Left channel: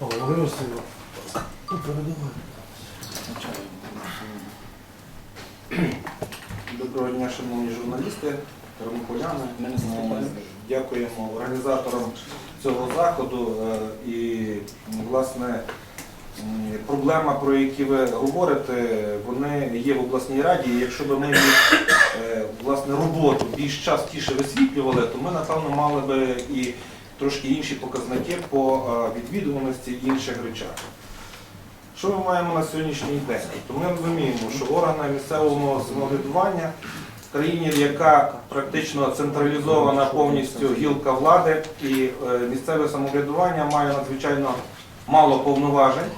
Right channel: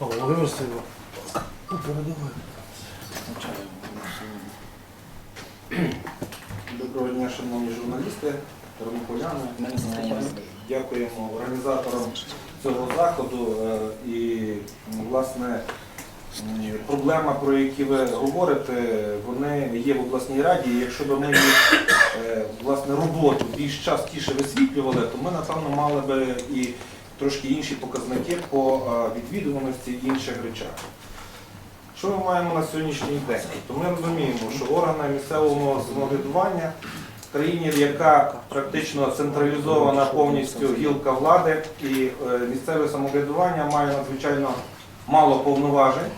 Володимир Васильович, передавай. Доброго дня, шановні журналісти, тернополяни. Дякуємо організаторам цього заходу. Е, І, власне, проблема, про які ви говорите, вони є в обласній раді. Якщо б ми е, власне роботу більш частіше висвітлювали, то ми, напевно, мали би і трошки інші показники по е, відвідуваності інших речах. Що ми маємо на сьогоднішній день? То ми розуміємо, що органи місцевого самоврядування в країні, яка практично централізована повністю гілка влади, і е, місцеве самоврядування має надзвичайно мало повноважень,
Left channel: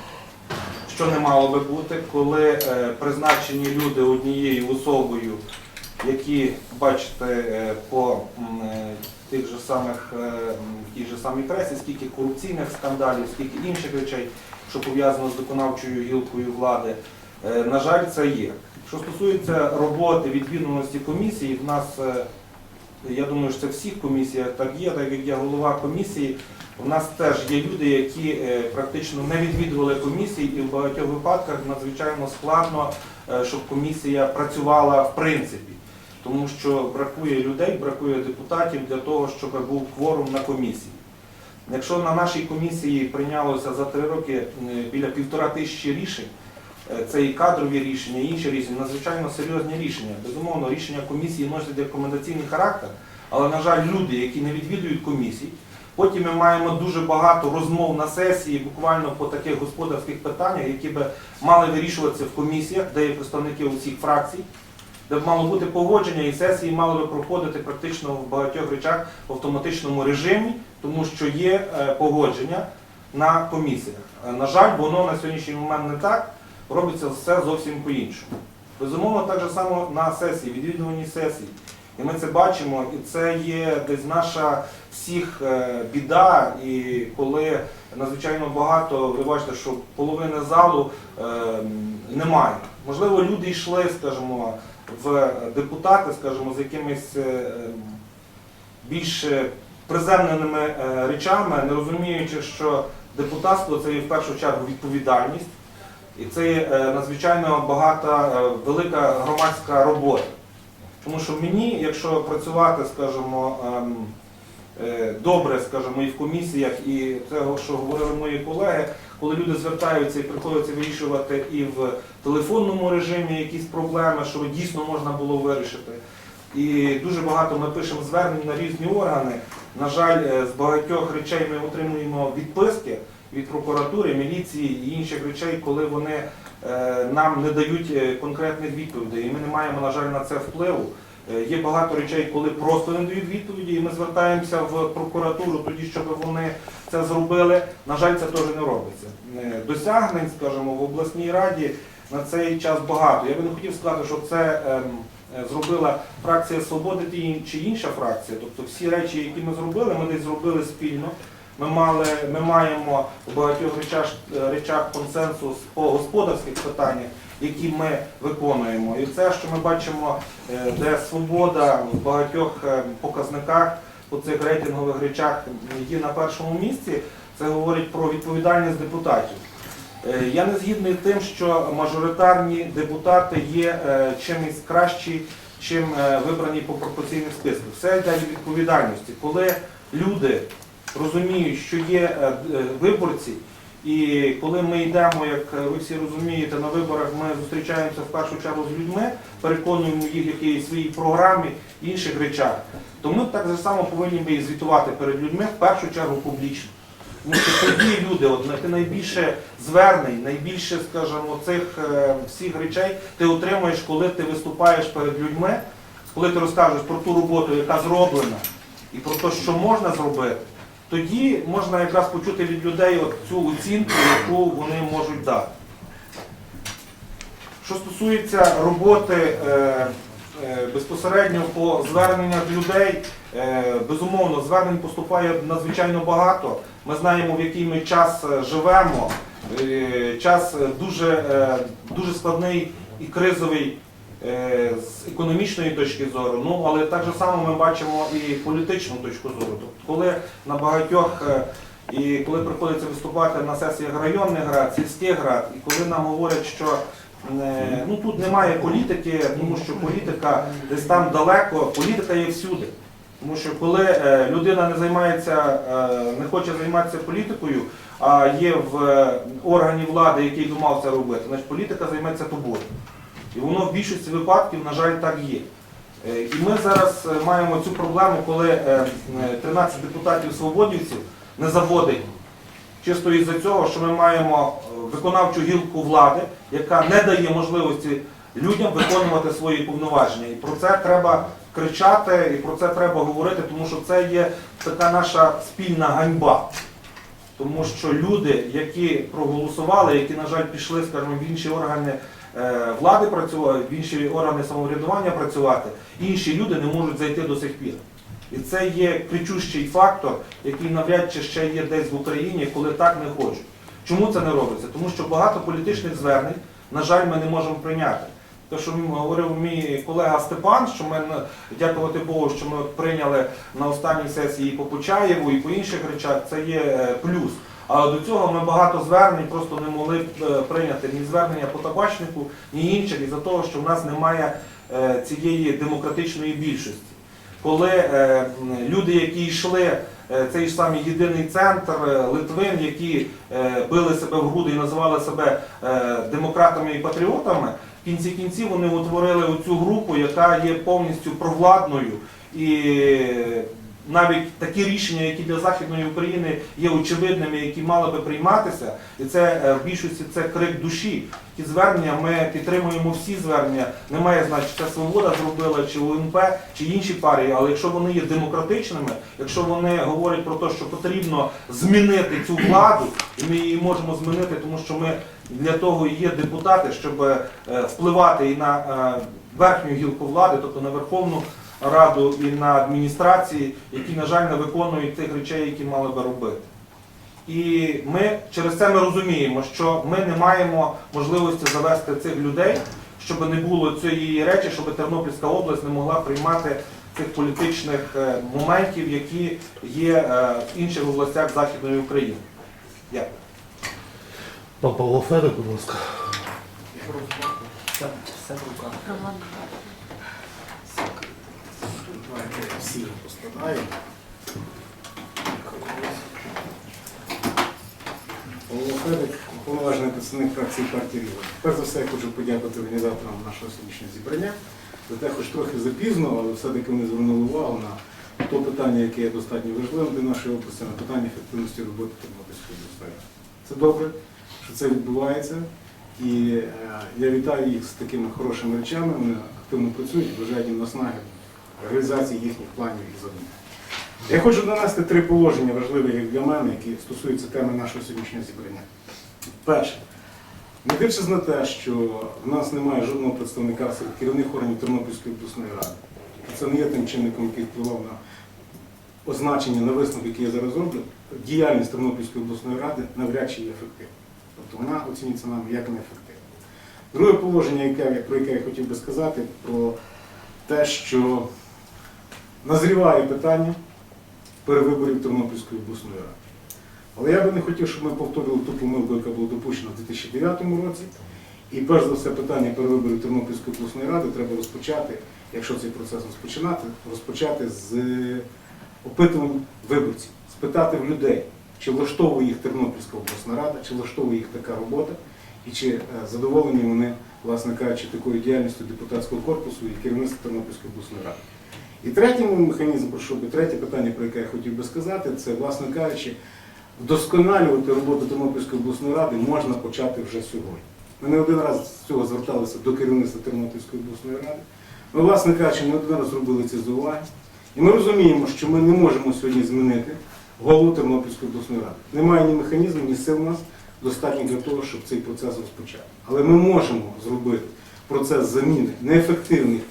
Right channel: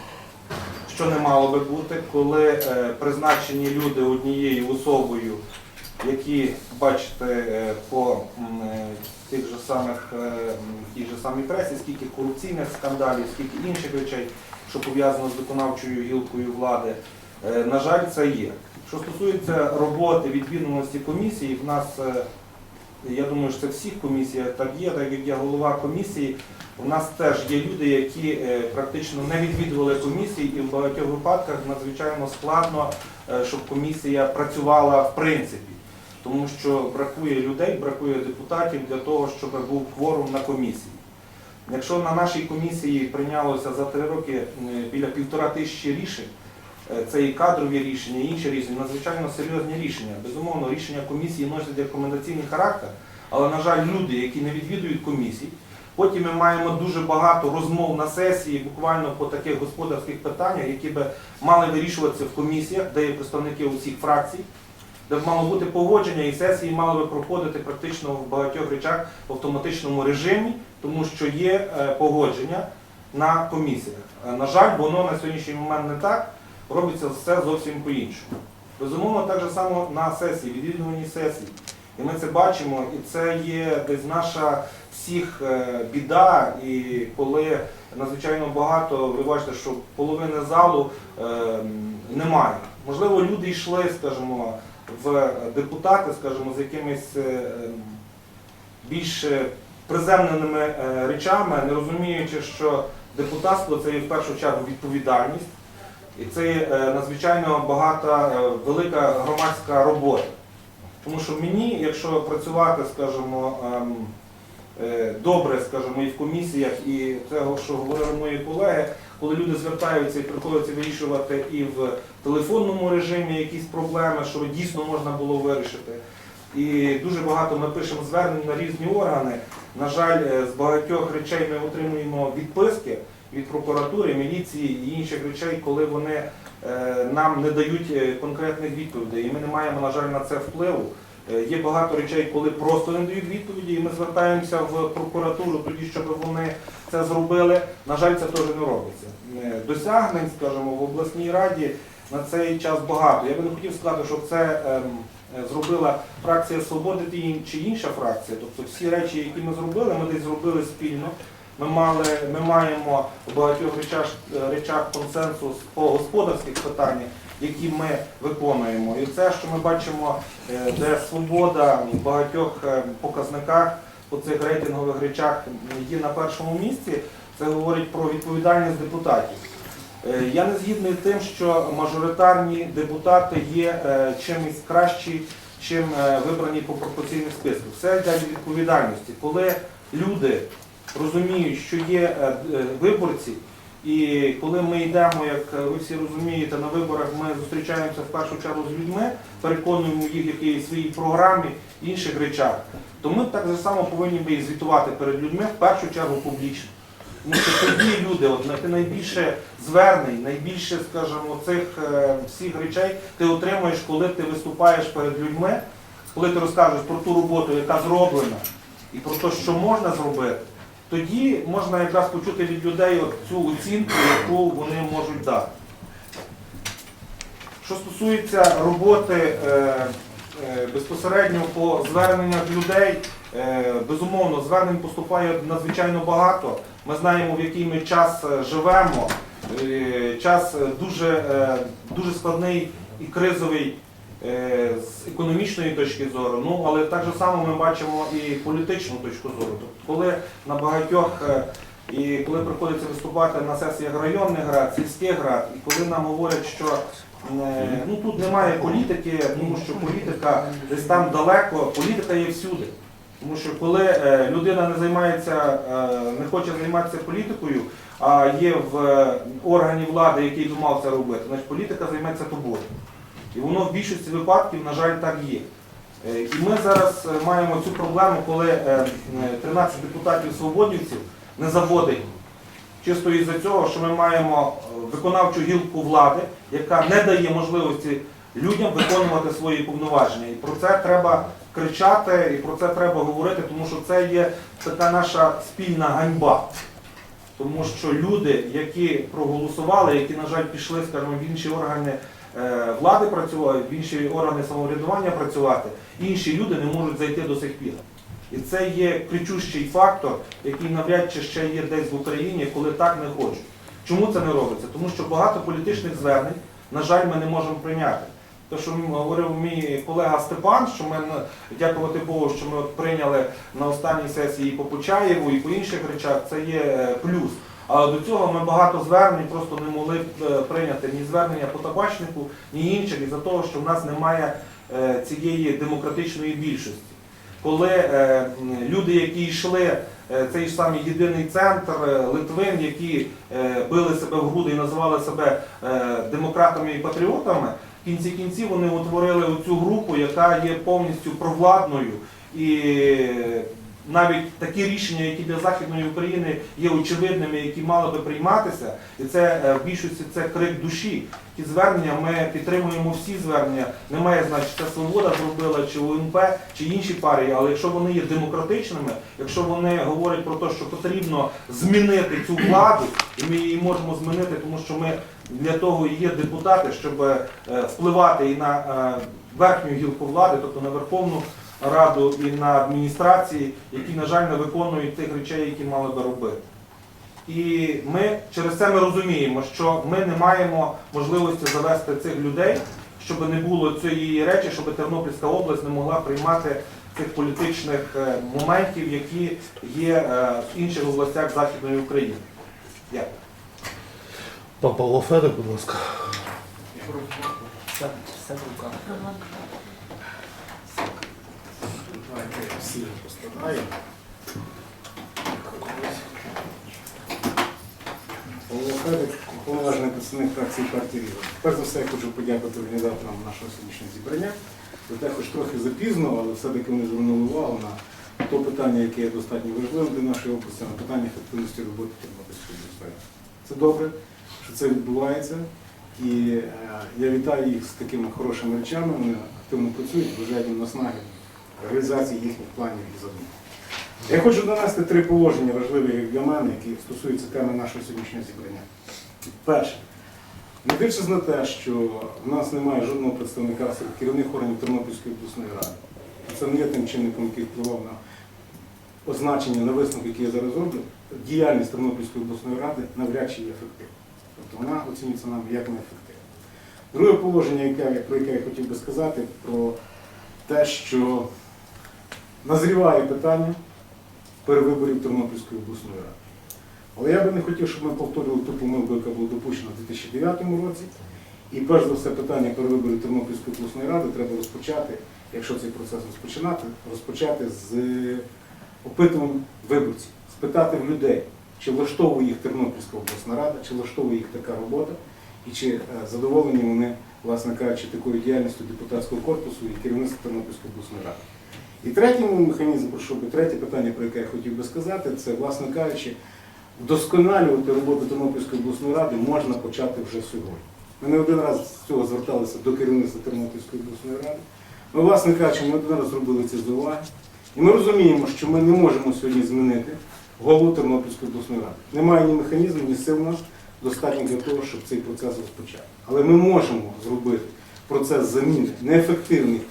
що не мало би бути, коли е, призначені люди однією особою, які бачите по тих же самих е, в тій же самій пресі, скільки корупційних скандалів, скільки інших речей, що пов'язано з виконавчою гілкою влади. Е, На жаль, це є. Що стосується роботи відвідуваності комісії, в нас, е, я думаю, що це всіх комісіях так є, так як я голова комісії, у нас теж є люди, які практично не відвідували комісії, і в багатьох випадках надзвичайно складно, щоб комісія працювала в принципі. Тому що бракує людей, бракує депутатів для того, щоб був кворум на комісії. Якщо на нашій комісії прийнялося за три роки е, біля півтора тисячі рішень, е, це і кадрові рішення, і інші рішення, надзвичайно серйозні рішення. Безумовно, рішення комісії носять рекомендаційний характер, але, на жаль, люди, які не відвідують комісій, потім ми маємо дуже багато розмов на сесії, буквально по таких господарських питаннях, які би мали вирішуватися в комісіях, де є представники усіх фракцій, де б мало бути погодження, і сесії мали би проходити практично в багатьох речах в автоматичному режимі, тому що є е, погодження на комісіях. Е, На жаль, воно на сьогоднішній момент не так, робиться все зовсім по-іншому. Безумовно, так же само на сесії, відвідуванні сесій. І ми це бачимо, і це є десь наша всіх е, біда, і коли надзвичайно багато, ви бачите, що половини залу е, немає. Можливо, люди йшли, скажімо, в депутати, скажімо, з якимись е, більш приземленими е, речами, не розуміючи, що депутатство це є в першу чергу відповідальність, і це є е, надзвичайно багата, велика громадська робота. Тому що мені, якщо працювати, скажімо, ем, добре, скажімо, і в комісіях, і це, що говорили мої колеги, коли люди звертаються і приходиться вирішувати і в телефонному режимі якісь проблеми, що дійсно можна було вирішити. І дуже багато ми пишемо звернень на різні органи. На жаль, е, з багатьох речей ми отримуємо відписки від прокуратури, міліції і інших речей, коли вони е, нам не дають е, конкретних відповідей. І ми не маємо, на жаль, на це впливу. Е, Є багато речей, коли просто не дають відповіді, і ми звертаємося в прокуратуру тоді, щоб вони це зробили. На жаль, це теж не робиться. Е, Досягнень, скажімо, в обласній раді на цей час багато. Я би не хотів сказати, що це ем, е, зробила фракція Свободи чи інша фракція. Тобто всі речі, які ми зробили, ми десь зробили спільно. Ми, мали, ми маємо в багатьох речах, речах консенсус по господарських питаннях, які ми виконуємо. І це, що ми бачимо, е, де свобода в багатьох е, показниках по цих рейтингових речах є на першому місці, це говорить про відповідальність депутатів. Е, Я не згідний з тим, що мажоритарні депутати є чимось кращі, чим вибрані по пропорційних списках. Все йде від відповідальності. Коли люди розуміють, що є виборці, і коли ми йдемо, як ви всі розумієте, на виборах ми зустрічаємося в першу чергу з людьми, переконуємо їх в якійсь своїй програмі, інших речах, то ми так же само повинні би звітувати перед людьми в першу чергу публічно. Тому що тоді люди, от найбільше звернень, найбільше, скажімо, цих е, всіх речей ти отримуєш, коли ти виступаєш перед людьми, коли ти розкажеш про ту роботу, яка зроблена, і про те, що можна зробити, тоді можна якраз почути від людей цю оцінку, яку вони можуть дати. Що стосується роботи е, е, безпосередньо по зверненнях людей, е, безумовно, звернень поступає надзвичайно багато. Ми знаємо, в який ми час е, живемо. Е, Час е, дуже, е, дуже складний і кризовий з економічної точки зору, ну але так же само ми бачимо і політичну точку зору. Тобто, коли на багатьох е, І коли приходиться виступати на сесіях районних рад, сільських рад, і коли нам говорять, що е, ну тут немає політики, тому що політика десь там далеко, політика є всюди. Тому що коли е, людина не займається, е, не хоче займатися політикою, а є в е, органі влади, який би мав це робити, значить політика займеться тобою. І воно в більшості випадків, на жаль, так є. Е, І ми зараз е, маємо цю проблему, коли е, е, 13 депутатів свободівців не заводить. Чисто із-за цього, що ми маємо е, виконавчу гілку влади, яка не дає можливості людям виконувати свої повноваження. І про це треба кричати, і про це треба говорити, тому що це є така наша спільна ганьба. Тому що люди, які проголосували, які, на жаль, пішли, скажімо, в інші органи е, влади працювати, інші органи самоврядування працювати, інші люди не можуть зайти до сих пір. І це є кричущий фактор, який навряд чи ще є десь в Україні, коли так не хочуть. Чому це не робиться? Тому що багато політичних звернень, на жаль, ми не можемо прийняти. Те, що говорив мій колега Степан, що ми дякувати Богу, що ми прийняли на останній сесії і по Почаєву, і по інших речах, це є е, плюс. Але до цього ми багато звернень просто не могли е, прийняти ні звернення по табачнику, ні інших, із-за того, що в нас немає е, цієї демократичної більшості. Коли е, люди, які йшли, цей ж самий єдиний центр Литвин, які били себе в груди і називали себе демократами і патріотами, в кінці кінців вони утворили оцю групу, яка є повністю провладною і навіть такі рішення, які для Західної України є очевидними, які мали би прийматися, і це е, в більшості це крик душі. Ті звернення ми підтримуємо всі звернення. Немає значить, це свобода зробила, чи УНП, чи інші партії, але якщо вони є демократичними, якщо вони говорять про те, що потрібно змінити цю владу, і ми її можемо змінити, тому що ми для того і є депутати, щоб е, впливати і на е, верхню гілку влади, тобто на Верховну Раду і на адміністрації, які, на жаль, не виконують тих речей, які мали би робити. І ми через це ми розуміємо, що ми не маємо можливості завести цих людей, щоб не було цієї речі, щоб Тернопільська область не могла приймати цих політичних е, моментів, які є е, в інших областях Західної України. Дякую. Пан Павло будь ласка. Все, все в руках. Давайте всі Федик, уповноважений представник фракції партії Ріва. Перш за все, я хочу подякувати організаторам нашого сьогоднішнього зібрання за те, хоч трохи запізно, але все-таки вони звернули увагу на то питання, яке є достатньо важливим для нашої області, на питання ефективності роботи Тернопільської сфери. Це добре, що це відбувається. І е, я вітаю їх з такими хорошими речами. Вони активно працюють, бажаю їм наснаги реалізації їхніх планів і завдань. Я хочу донести три положення важливі для мене, які стосуються теми нашого сьогоднішнього зібрання. Перше, не дивлячись на те, що в нас немає жодного представника серед керівних органів Тернопільської обласної ради. Це не є тим чинником, який впливав на означення, на висновок, який я зараз роблю. Діяльність Тернопільської обласної ради навряд чи є ефективна. Тобто вона оцінюється нам як неефективна. Друге положення, про яке я хотів би сказати, про те, що назріває питання перевиборів Тернопільської обласної ради. Але я би не хотів, щоб ми повторювали ту помилку, яка була допущена в 2009 році. І перш за все питання перевиборів Тернопільської обласної ради треба розпочати, якщо цей процес розпочинати, розпочати з опитувань виборців, спитати в людей, чи влаштовує їх Тернопільська обласна рада, чи влаштовує їх така робота, і чи е, задоволені вони, власне кажучи, такою діяльністю депутатського корпусу і керівництва Тернопільської обласної ради. І третій механізм, про що третє питання, про яке я хотів би сказати, це, власне кажучи, вдосконалювати роботу Тернопільської обласної ради можна почати вже сьогодні. Ми не один раз з цього зверталися до керівництва Тернопільської обласної ради. Ми, власне кажучи, не один раз зробили ці зауваги. І ми розуміємо, що ми не можемо сьогодні змінити голову Тернопільської обласної ради. Немає ні механізму, ні сил у нас достатньо для того, щоб цей процес розпочати. Але ми можемо зробити процес заміни неефективних,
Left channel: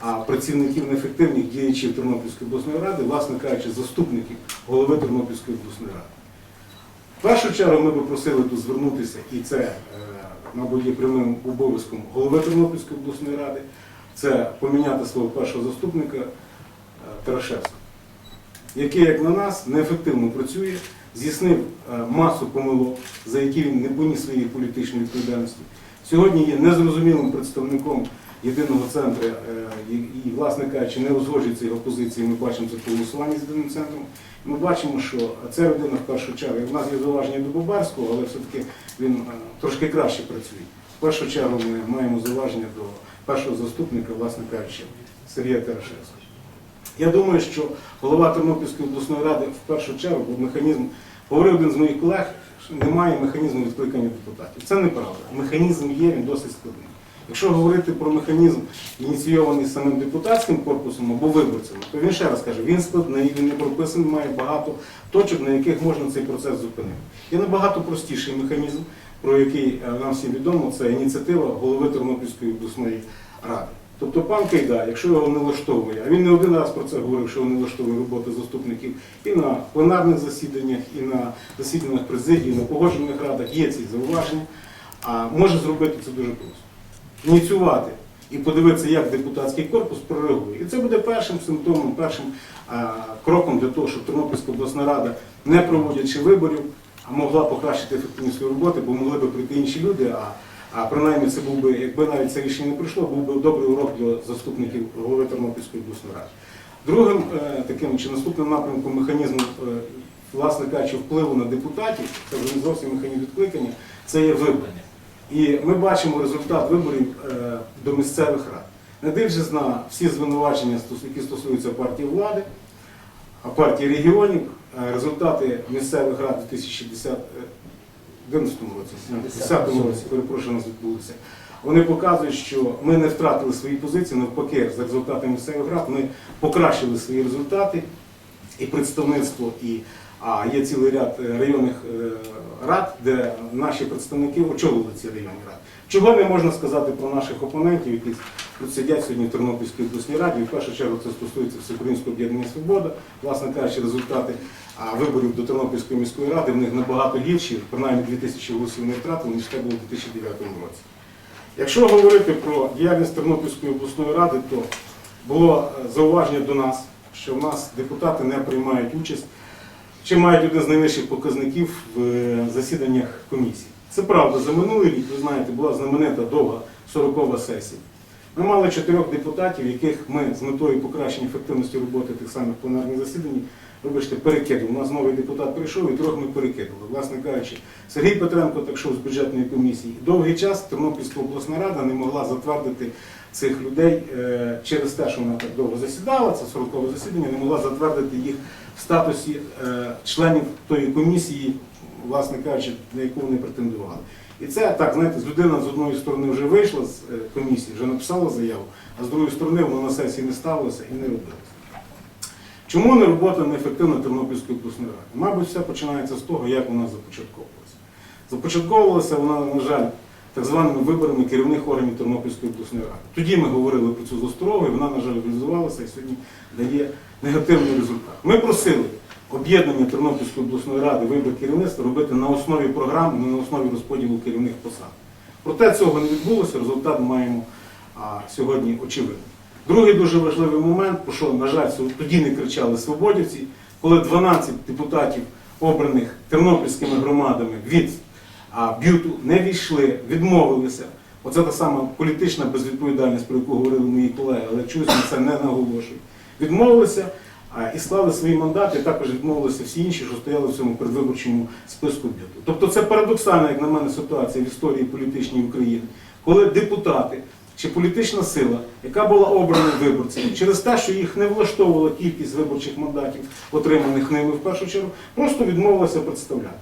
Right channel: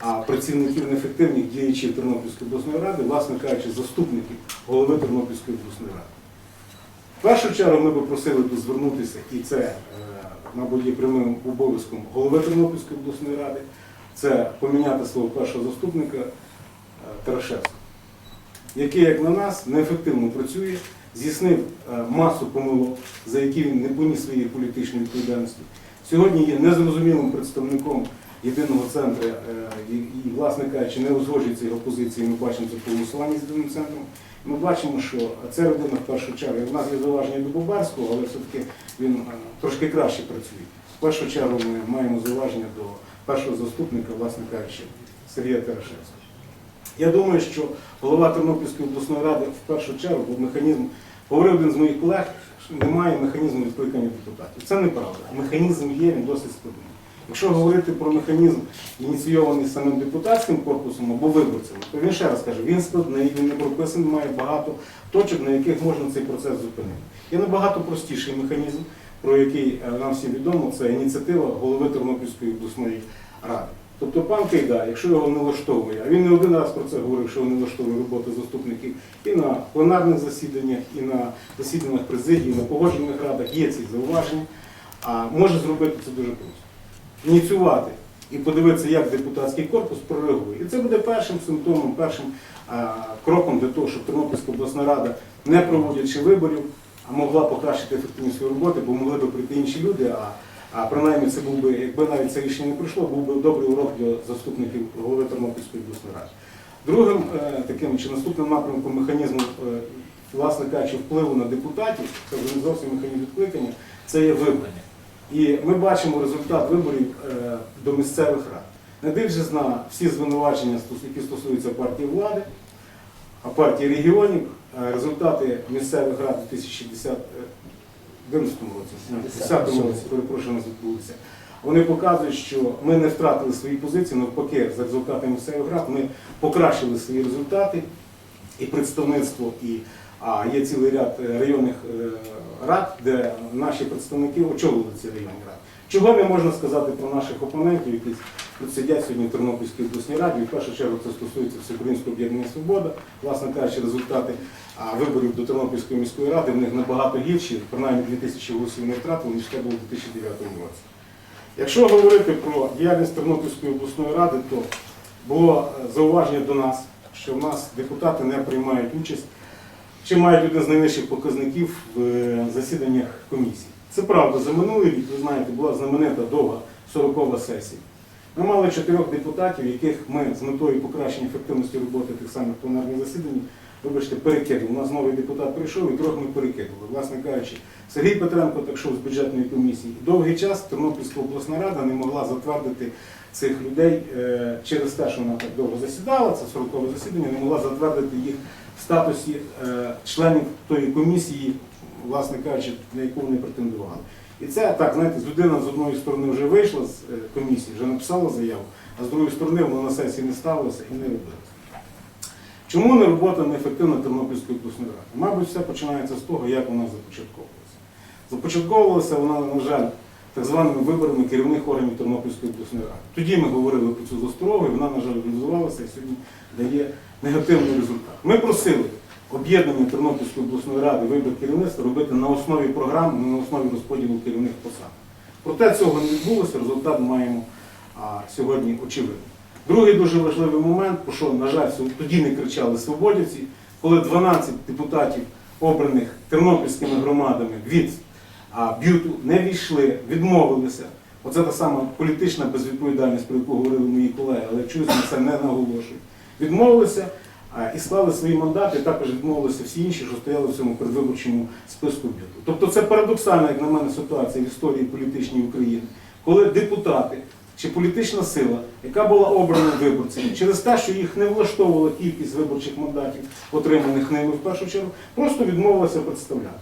а працівників неефективних діячів Тернопільської обласної ради, власне кажучи, заступників голови Тернопільської обласної ради. В першу чергу ми би просили тут звернутися, і це, е, мабуть, є прямим обов'язком голови Тернопільської обласної ради, це поміняти свого першого заступника е, Тарашевського, який, як на нас, неефективно працює, здійснив е, масу помилок, за які він не поніс своєї політичної відповідальності. Сьогодні є незрозумілим представником єдиного центру власне кажучи, не узгоджується його позиції. Ми бачимо це по з єдиним центром. Ми бачимо, що ця людина в першу чергу, в нас є зауваження до Бобарського, але все-таки він е, трошки краще працює. В першу чергу ми маємо зауваження до першого заступника, власне кажучи, Сергія Терешевського. Я думаю, що голова Тернопільської обласної ради в першу чергу бо механізм, говорив один з моїх колег, що немає механізму відкликання депутатів. Це неправда. Механізм є, він досить складний. Якщо говорити про механізм, ініційований самим депутатським корпусом або виборцями, то він ще раз каже, він складний, він не прописаний, має багато точок, на яких можна цей процес зупинити. Є набагато простіший механізм, про який е, нам всім відомо, це ініціатива голови Тернопільської обласної ради. Тобто пан Кайда, якщо його не влаштовує, а він не один раз про це говорив, що не влаштовує робота заступників і на пленарних засіданнях, і на засіданнях президії, і на погоджених радах є ці зауваження, а може зробити це дуже просто. Ініціювати і подивитися, як депутатський корпус прореагує. І це буде першим симптомом, першим а, кроком для того, щоб Тернопільська обласна рада, не проводячи виборів, а могла покращити ефективність своєї роботи, бо могли б прийти інші люди. А, а принаймні це був би, якби навіть це рішення не прийшло, був би добрий урок для заступників голови Тернопільської обласної ради. Другим е, таким чи наступним напрямком механізму, е, власне кажучи, впливу на депутатів, це вже не зовсім механізм відкликання, це є вибрання. І ми бачимо результат виборів е, до місцевих рад. Не дивлячись на всі звинувачення, які стосуються партії влади, а партії регіонів, е, результати місцевих рад у 2010 році, 10 році, перепрошую, нас відбулися. Вони показують, що ми не втратили свої позиції, навпаки, за результатами місцевих рад ми покращили свої результати і представництво, і а, є цілий ряд е, районних е, рад, де наші представники очолили ці районні ради. Чого не можна сказати про наших опонентів, які тут сидять сьогодні в Тернопільській обласній раді. В першу чергу це стосується Всеукраїнського об'єднання Свобода. Власне кажучи, результати виборів до Тернопільської міської ради в них набагато гірші, принаймні 2000 голосів не втратили, ніж це було у 2009 році. Якщо говорити про діяльність Тернопільської обласної ради, то було е, зауваження до нас, що в нас депутати не приймають участь чи мають один з найнижчих показників в е, засіданнях комісій. Це правда, за минулий рік, ви знаєте, була знаменита довга 40-ва сесія. Ми мали чотирьох депутатів, яких ми з метою покращення ефективності роботи тих самих пленарних засідань, вибачте, перекинули. У нас новий депутат прийшов і трьох ми перекинули. Власне кажучи, Сергій Петренко так йшов з бюджетної комісії. Довгий час Тернопільська обласна рада не могла затвердити цих людей е, через те, що вона так довго засідала, це 40-ве засідання, не могла затвердити їх в статусі е, членів тої комісії, власне кажучи, на яку вони претендували. І це так, знаєте, людина з одної сторони вже вийшла з е, комісії, вже написала заяву, а з другої сторони воно на сесії не ставилося і не робилося. Чому не робота неефективна Тернопільської обласної ради? Мабуть, все починається з того, як вона започатковувалася. Започатковувалася вона, на жаль, так званими виборами керівних органів Тернопільської обласної ради. Тоді ми говорили про цю засторогу, і вона, на жаль, реалізувалася і сьогодні дає негативний результат. Ми просили об'єднання Тернопільської обласної ради вибір керівництва робити на основі програм, не на основі розподілу керівних посад. Проте цього не відбулося, результат маємо а, сьогодні очевидний. Другий дуже важливий момент, про що, на жаль, тоді не кричали свободівці, коли 12 депутатів, обраних тернопільськими громадами від а, б'юту, не війшли, відмовилися. Оце та сама політична безвідповідальність, про яку говорили мої колеги, але чомусь на це не наголошують. Відмовилися і склали свої мандати, і також відмовилися всі інші, що стояли в цьому передвиборчому списку б'юту. Тобто це парадоксальна, як на мене, ситуація в історії політичній України, коли депутати чи політична сила, яка була обрана виборцями, через те, що їх не влаштовувала кількість виборчих мандатів, отриманих ними в першу чергу, просто відмовилася представляти.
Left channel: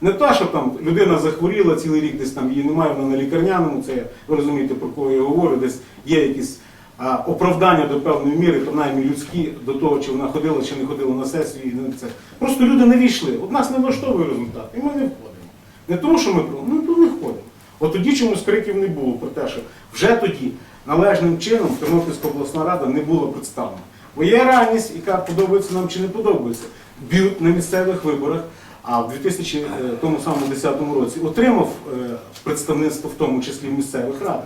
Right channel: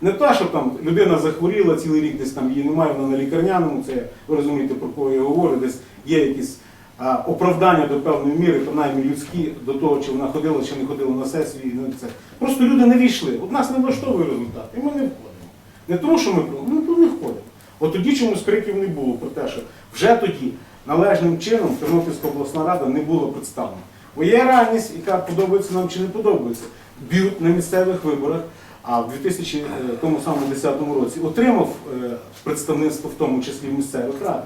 Не те, що там людина захворіла цілий рік, десь там її немає, вона на лікарняному, це ви розумієте, про кого я говорю, десь є якісь а, оправдання до певної міри, принаймні людські, до того, чи вона ходила, чи не ходила на сесію. І це. Просто люди не війшли. От нас не влаштовує результат, і ми не входимо. Не тому, що ми ну, то не входимо. От тоді чомусь криків не було про те, що вже тоді належним чином Тернопільська обласна рада не була представлена. Бо є реальність, яка подобається нам чи не подобається. Б'ют на місцевих виборах, а в 2010 році отримав е, представництво, в тому числі в місцевих радах,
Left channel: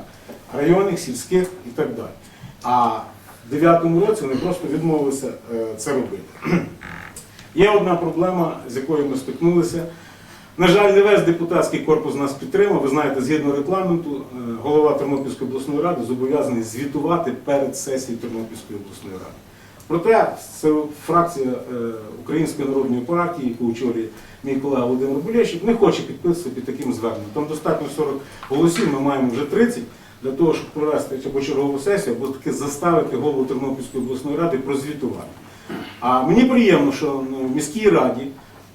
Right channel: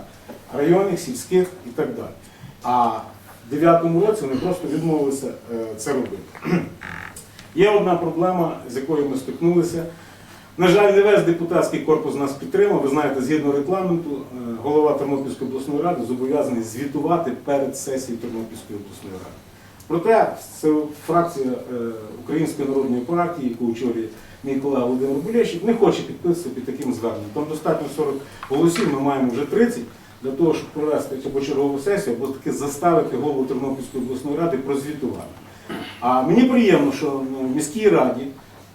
районних, сільських і так далі. А в 2009 році вони просто відмовилися е, це робити. Є одна проблема, з якою ми стикнулися. На жаль, не весь депутатський корпус нас підтримав. Ви знаєте, згідно регламенту, е, голова Тернопільської обласної ради зобов'язаний звітувати перед сесією Тернопільської обласної ради. Проте це фракція е, Української народної партії, яку очолює мій колега Володимир Булєщик, не хоче підписувати під таким зверненням. Там достатньо 40 голосів, ми маємо вже 30 для того, щоб провести або чергову сесію, або таки заставити голову Тернопільської обласної ради прозвітувати. А мені приємно, що ну, в міській раді,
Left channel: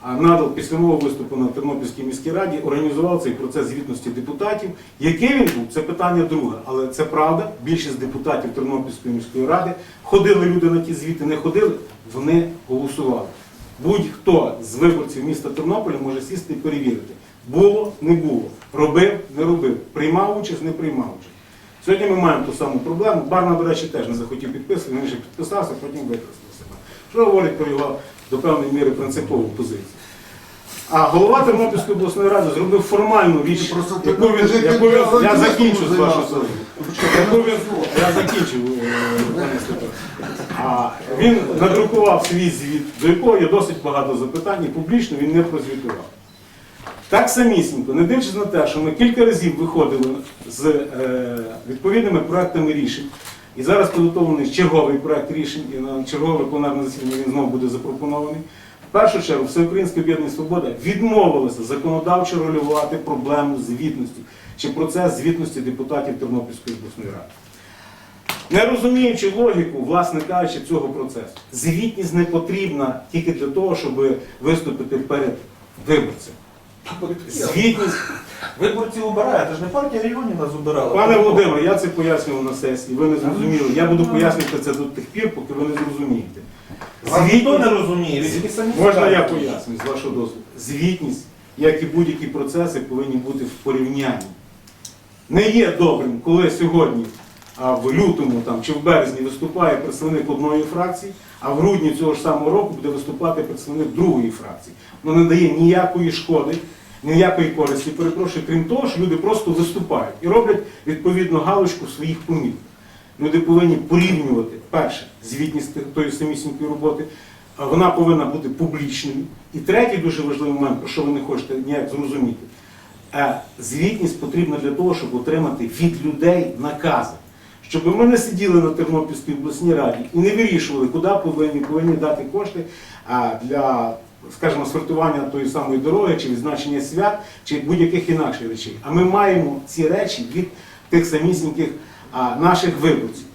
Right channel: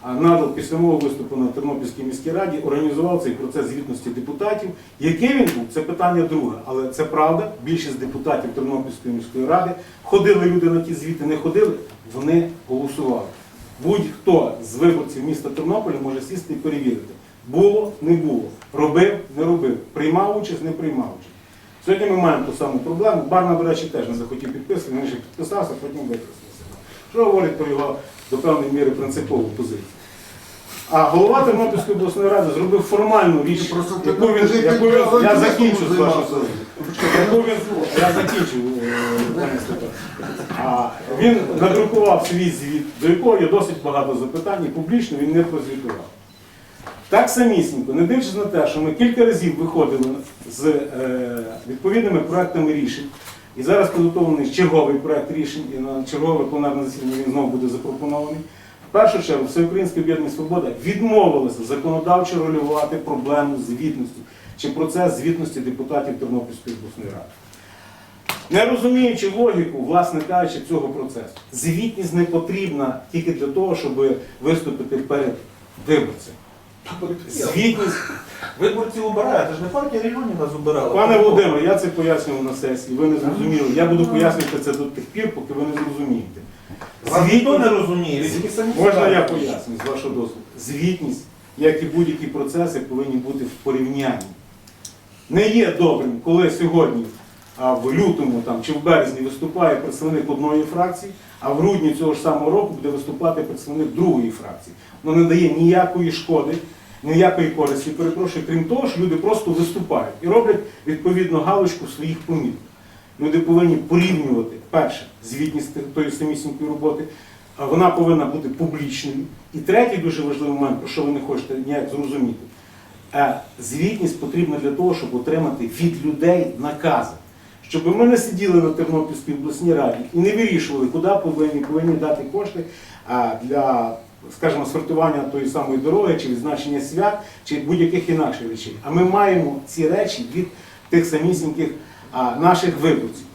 надал після мого виступу на Тернопільській міській раді організував цей процес звітності депутатів. Який він був, це питання друге. Але це правда. Більшість депутатів Тернопільської міської ради ходили люди на ті звіти, не ходили, вони голосували. Будь-хто з виборців міста Тернополя може сісти і перевірити. Було, не було, робив, не робив, приймав участь, не приймав участь. Сьогодні ми маємо ту саму проблему. Барна, до речі, теж не захотів підписувати, він ще підписався, потім використав. Що говорить про його до певної міри принципову позицію. А голова Тернопільської обласної ради зробив формальну річ, Просто яку він, яку він, я закінчу з вашого слова. Яку він, я закінчив, е, пане Степан. А він надрукував свій звіт, до якого є досить багато запитань, і публічно він не прозвітував. Так самісінько, не дивлячись на те, що ми кілька разів виходили з е, відповідними проектами рішень, і зараз підготовлений черговий проект рішень, і на чергове пленарне засідання він знову буде запропонований. В першу чергу, Всеукраїнське об'єднання Свобода відмовилося законодавчо регулювати проблему звітності чи процес звітності депутатів Тернопільської обласної ради. Не розуміючи логіку, власне кажучи, цього процесу, звітність не потрібна тільки для того, щоб виступити перед виборцем. Звітність, Виборці обирають, це ж не партія регіонів нас обирала. пане Володимире, я це пояснював на сесії, ви не зрозуміли. Я буду пояснювати це до тих пір, поки ви не зрозумієте. Вас ніхто не розуміє, ви тільки самі можна я скажете. поясню з вашого дозволу. Звітність, як і будь-які процеси, повинні бути в порівнянні. Не є добрим, коли сьогодні, а в лютому там, чи в березні виступає представник одної фракції, а в грудні цього ж самого року буде виступати представник другої фракції. Воно не дає ніякої шкоди, ніякої користі, перепрошую, крім того, що люди просто виступають і роблять відповідно галочку своїх помітках. Люди повинні порівнювати перше звітність тої самісінької роботи. Вона повинна бути публічною. І третій дуже важливий момент, про що ви не хочете ніяк зрозуміти. Е, Звітність потрібна для того, щоб отримати від людей накази. Щоб ми не сиділи на Тернопільській обласній раді і не вирішували, куди повинні, повинні дати кошти для, скажімо, сортування тої самої дороги, чи відзначення свят, чи будь-яких інакших речей. А ми маємо ці речі від тих самісіньких а, наших виборців.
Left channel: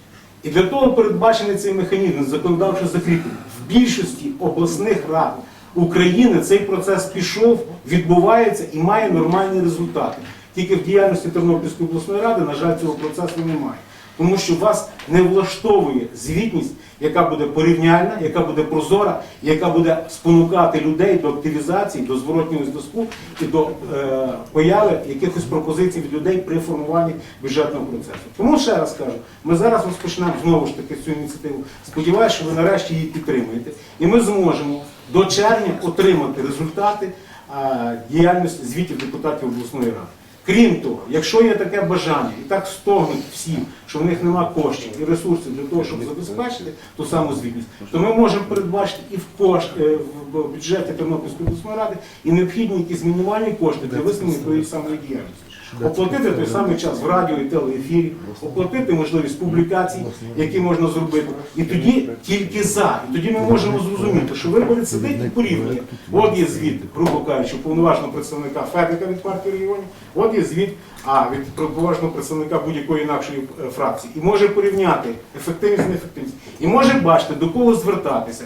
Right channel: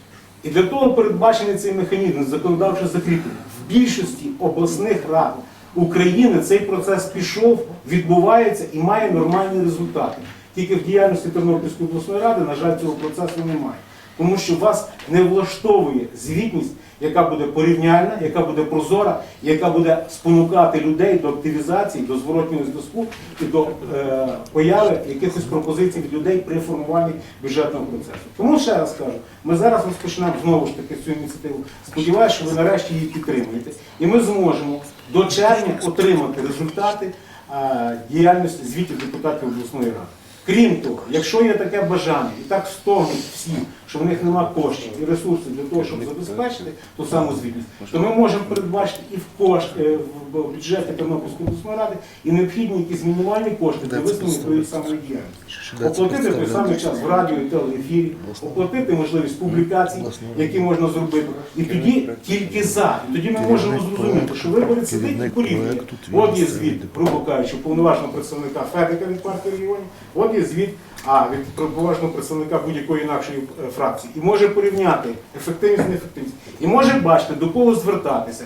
І для того передбачений цей механізм законодавчо закріплений. В більшості обласних рад України цей процес пішов, відбувається і має нормальні результати. Тільки в діяльності Тернопільської обласної ради, на жаль, цього процесу немає. Тому що вас не влаштовує звітність, яка буде порівняльна, яка буде прозора, яка буде спонукати людей до активізації, до зворотнього зв'язку і до е, появи якихось пропозицій від людей при формуванні бюджетного процесу. Тому ще раз кажу, ми зараз розпочнемо знову ж таки цю ініціативу. Сподіваюся, що ви нарешті її підтримуєте, і ми зможемо до червня отримати результати е, діяльності звітів депутатів обласної ради. Крім того, якщо є таке бажання, і так стогнуть всі, що в них нема коштів і ресурсів для того, щоб забезпечити ту саму звітність, то ми можемо передбачити і в кошт е, в бюджеті Тернопільської обласної ради і необхідні якісь мінімальні кошти для висновлення тої самої діяльності. Оплатити той самий час в радіо і телеефірі, оплатити можливість публікацій, які можна зробити. І тоді тільки за. І тоді ми можемо зрозуміти, що виборець сидить і порівнює. От є звіт, грубо кажучи, повноважного представника Федика від партії регіонів, от є звіт а, від повноважного представника будь-якої інакшої фракції. І може порівняти ефективність, і неефективність. І може бачити, до кого звертатися.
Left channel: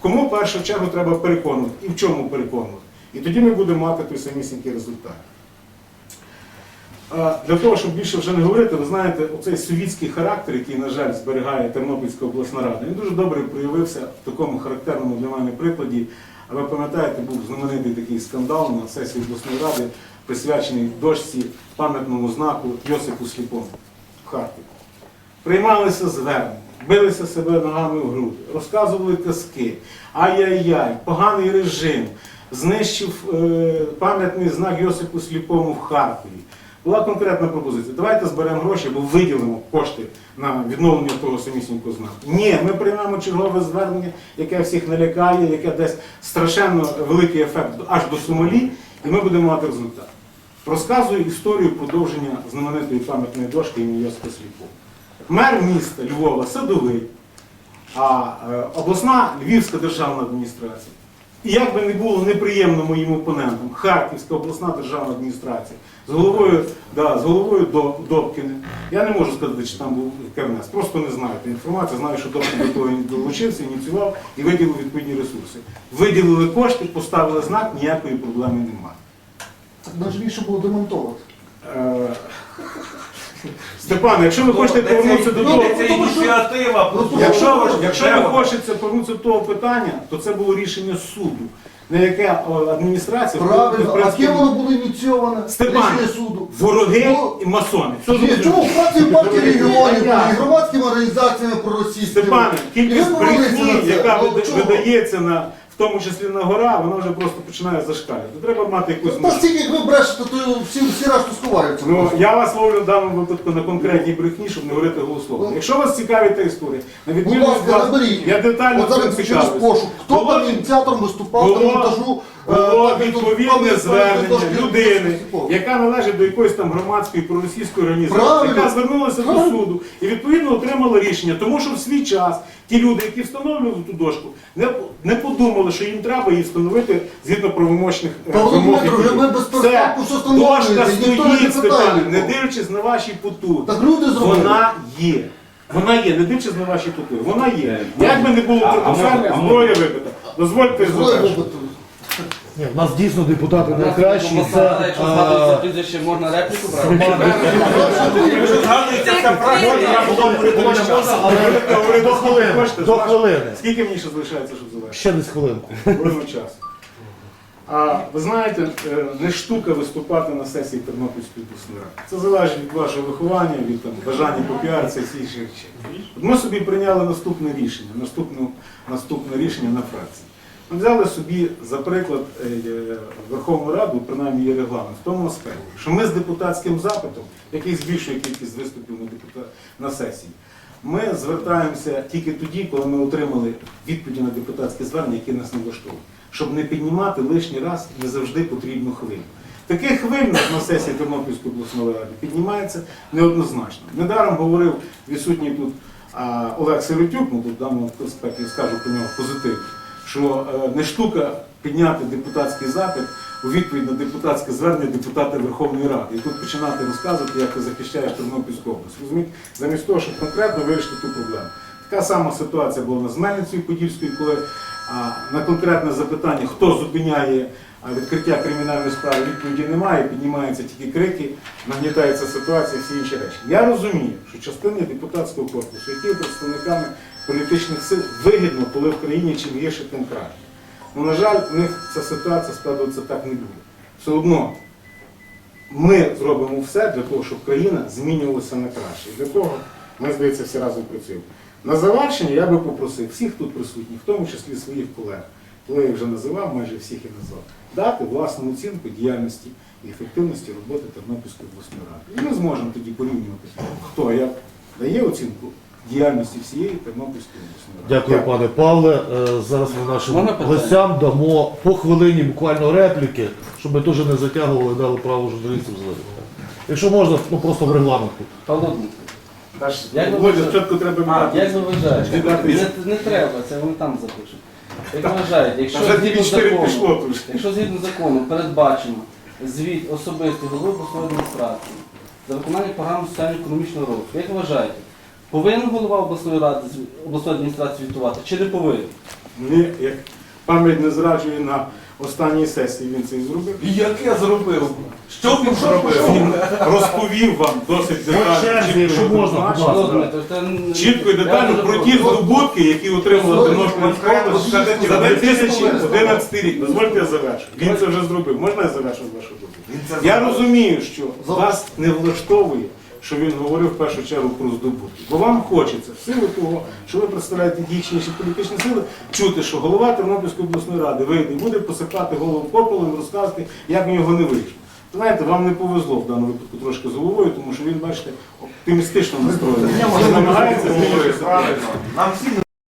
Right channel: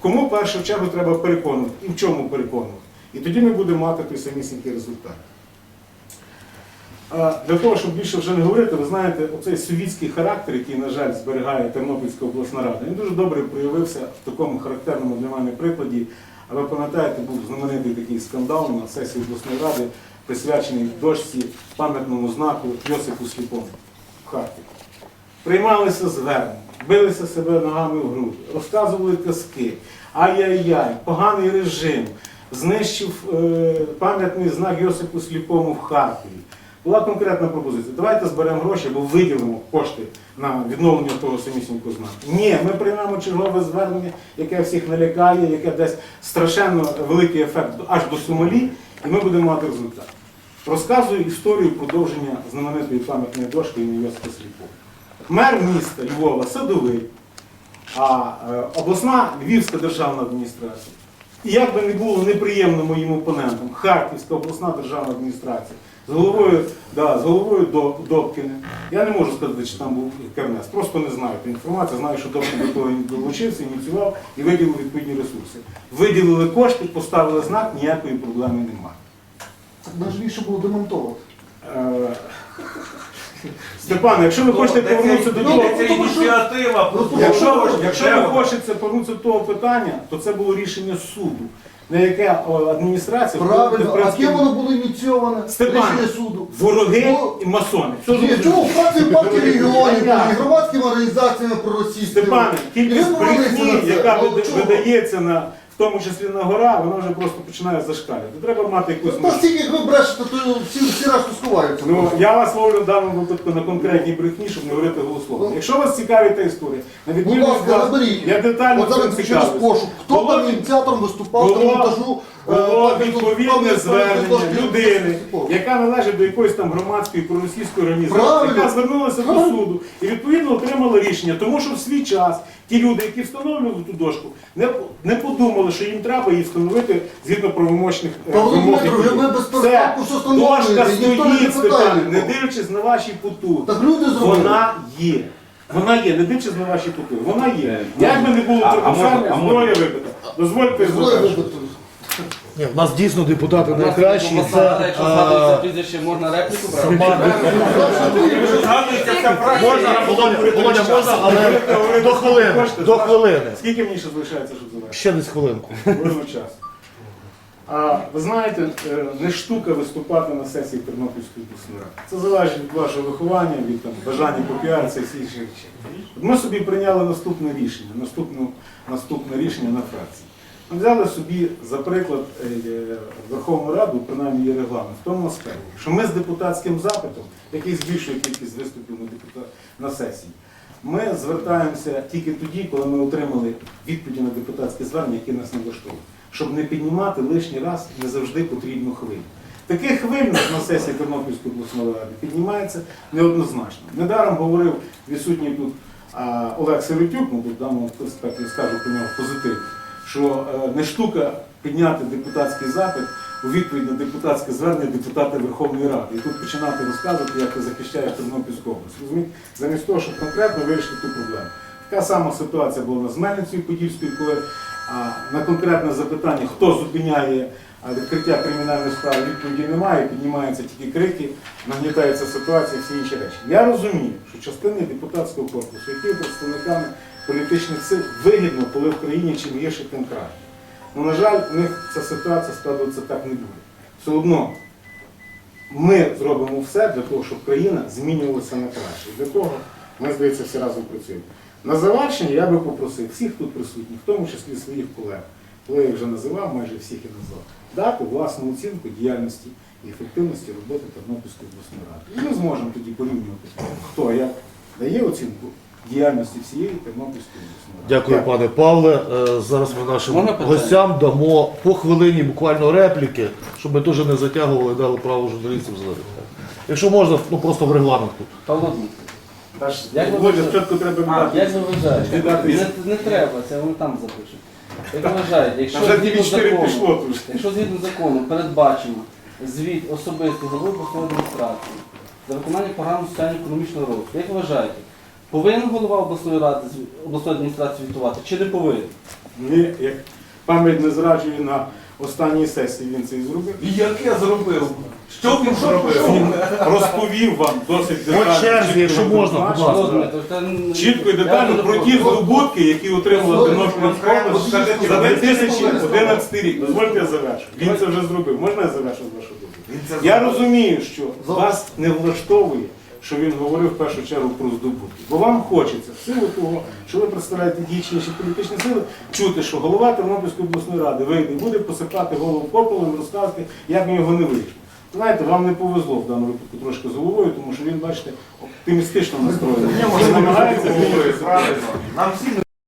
Кому в першу чергу треба переконувати і в чому переконувати. І тоді ми будемо мати той самісінький результат. Для того, щоб більше вже не говорити, ви знаєте, оцей совітський характер, який, на жаль, зберігає Тернопільська обласна рада, він дуже добре проявився в такому характерному для мене прикладі. А ви пам'ятаєте, був знаменитий такий скандал на сесії обласної ради, присвячений дошці пам'ятному знаку Йосипу Сліпому в. Приймалися звернення, билися себе ногами в груди, розказували казки, ай-яй-яй, поганий режим, знищив е, пам'ятний знак Йосипу Сліпому в Харкові. Була конкретна пропозиція. Давайте зберемо гроші або виділимо кошти на відновлення того самісінького знаку. Ні, ми приймемо чергове звернення, яке всіх налякає, яке дасть страшенно великий ефект аж до Сомалі, і ми будемо мати результат. Розказую історію продовження знаменитої пам'ятної дошки імені Йосипа Сліпова. Мер міста Львова Садовий, а е, обласна Львівська державна адміністрація. І як би не було неприємно моїм опонентам, Харківська обласна державна адміністрація з головою, да, з головою До- Добкіни. Я не можу сказати, чи там був Кернес, просто не знаю ту інформацію. Знаю, що Добкін до того долучився, ініціював і виділив відповідні ресурси. Виділили кошти, поставили знак, ніякої проблеми немає. Так важливіше було демонтувати. Е, Степан, якщо ви хочете повернутися до того, ця ініціатива. просто Якщо, ви- якщо ви треба. хочете повернутися до того питання, то це було рішення суду, на яке о, адміністрація в Правильно, а принципі, ким воно було ініційоване? Степан, Рішення суду. вороги Ну, і масони. Все Ні, зрозуміло. чому фракцію партії регіонів, і громадськими організаціями проросійськими? Степане, І ви кількість брехні, на це. яка Ну, чого? видається на тому числі на гора, вона вже просто починає зашкалювати. Треба мати якусь Та стільки, як ви брешете, то всі, всі раз сховаються. Ну, я вас ловлю в даному випадку на конкретній брехні, щоб не говорити голословно. Ну. Якщо вас цікавить та історія, на Будь відміну від ласка, вас, наберіть. я детально От зараз цим через цікавлюсь. пошук. Хто Було- там ініціатором виступав було- демонтажу? Е, Було відповідне звернення людини, яка належить до якоїсь там громадської проросійської організації, яка звернулася до суду і відповідно отримала рішення, тому що в свій час ті люди, які встановлювали ту дошку, не, не подумали, що їм треба її встановити згідно правомочних е, вимог. Дошка стоїть, Степане, не дивлячись на ваші потуги. Так люди зробили. Вона є. Вона є, не дивлячись на ваші потуги. Вона є. Як би не було трикоферне, зброя вибита. Дозвольте вибити. Ні, в нас дійсно депутати найкращі. Це, Якщо згадується прізвище, можна репліку брати? Згадується ця Можна, Володя, Володя, можна, але до хвилини. До хвилини. Скільки мені ще залишається, щоб завершити? Ще десь хвилинку. Часу. А ви знаєте, е, не штука виступати на сесії Тернопільської обласної ради. Це залежить від вашого виховання, від там, бажання попіаритися і всіх інших речей. От ми собі прийняли наступне рішення, наступне, наступне рішення на фракції. Взяли собі за приклад е, е, Верховну Раду, принаймні є регламент, в тому аспекті, що ми з депутатським запитом, який збільшує кількість виступів на, сесії, ми звертаємося тільки тоді, коли ми отримали відповіді на депутатське звернення, які нас не влаштовують. Щоб не піднімати лишній раз не завжди потрібну хвилю. Таких хвиль на- сесії Тернопільської обласної ради піднімається неоднозначно. Недаром говорив відсутній тут Олег Сиротюк, ну тут в даному аспекті скажу про нього позитивно, що е, не штука підняти депутатський запит у відповідь на депутатське звернення депутата Верховної Ради. І тут починати розказувати, як ти захищаєш Тернопільську область. Розумієте? Замість того, щоб конкретно вирішити ту проблему. Така сама ситуація була з Мельницею Подільською, коли на конкретне запитання, хто зупиняє відкриття кримінальної справи, відповіді немає, піднімаються тільки крики, нагнітається ситуація, всі інші речі. Я розумію, що частини депутатського корпусу, які є представниками політичних сил, вигідно, коли в країні чим гірше, тим краще. Ну, на жаль, у них ця ситуація складається так не буде. Все одно ми зробимо все для того, щоб країна змінювалася на краще. І для того ми, здається, всі разом працюємо. На завершення я би попросив всіх тут присутніх, в тому числі своїх колег, коли я вже називав, майже всіх і назвав, дати власну оцінку діяльності і ефективності роботи Тернопільської обласної ради. І ми зможемо тоді порівнювати, хто як дає оцінку діяльності всієї Тернопільської обласної ради. Дякую, пане Павле. Е, Зараз ми нашим Можна питання? гостям дамо по хвилині буквально репліки, щоб ми теж не затягували, дали право журналістам задати. Якщо можна, ну просто в регламентку. Павло Дмитрович, Як ви Володя, вважаєте? спочатку треба а, як ви вважаєте? Віддати. Не, не треба, це вони там запишуть. Як ви вважаєте, якщо Вже згідно 4 закону, пішло тут. якщо згідно закону передбачено звіт особистий голови обласної адміністрації за виконання програми соціально-економічного розвитку, як ви вважаєте, повинен голова обласної ради з- обласної адміністрації звітувати чи не повинен? Мені, як пам'ять не зраджує на останній сесії, він це і зробив. І як я зробив? Що він зробив? Він розповів вам досить детально. чітко якщо і можна, будь ласка. Чітко і детально про ті здобутки, які отримала Тернопільська скажіть, за 2011 рік. Дозвольте я завершу. Він це вже зробив. Можна я завершу з вашого це Я розумію, що вас не влаштовує, що він говорив в першу чергу про здобутки. Бо вам хочеться, в силу того, що ви представляєте дійсніші політичні сили, чути, що голова Тернопільської обласної ради вийде і буде посипати голову попелом, розказувати, як в нього не вийшло. Знаєте, вам не повезло в даному випадку трошки з головою, тому що він, бачите, оптимістично настроєний. Намагається змінювати Нам всім